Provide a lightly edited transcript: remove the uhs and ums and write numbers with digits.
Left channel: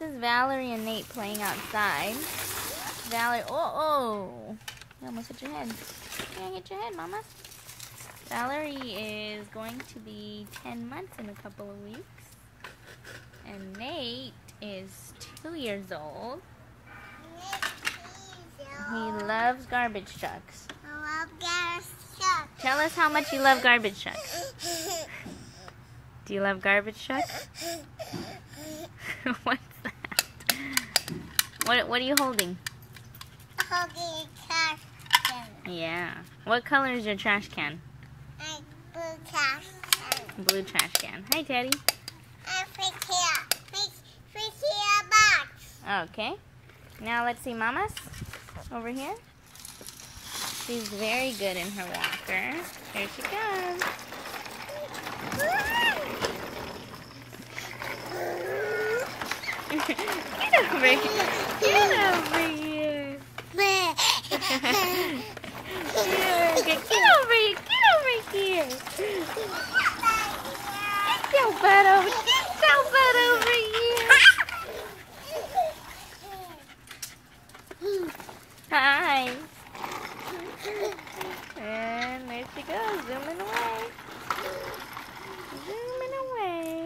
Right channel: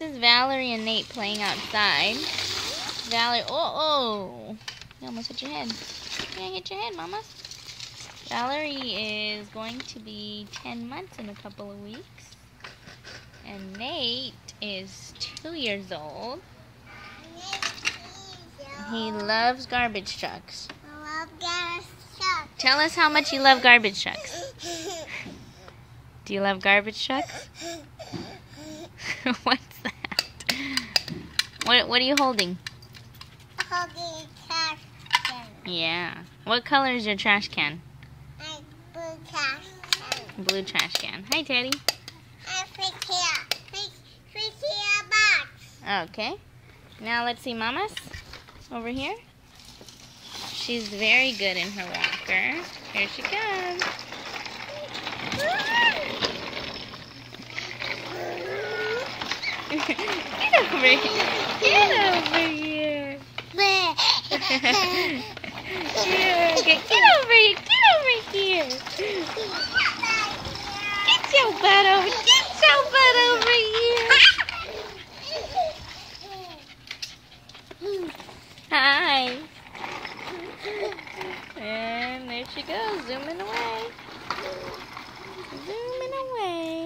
This is Valerie and Nate playing outside. Valerie, oh, you almost hit your head. You can't hit your head, Mama. Valerie is going to be 10 months in a couple of weeks. And Nate is 2 years old. He loves garbage trucks. I love garbage trucks. Tell us how much you love garbage trucks. Do you love garbage trucks? What's that? What are you holding? I'm holding a trash can. Yeah. What color is your trash can? A blue trash can. Blue trash can. Hi, Teddy. I fish here. Fish here box. Okay. Now let's see Mama's over here. She's very good in her walker. Here she comes. Get over here. Get over here. Get over here. Get over here. Get your butt over. Get your butt over here. Hi. And there she goes, zooming away. Zooming away.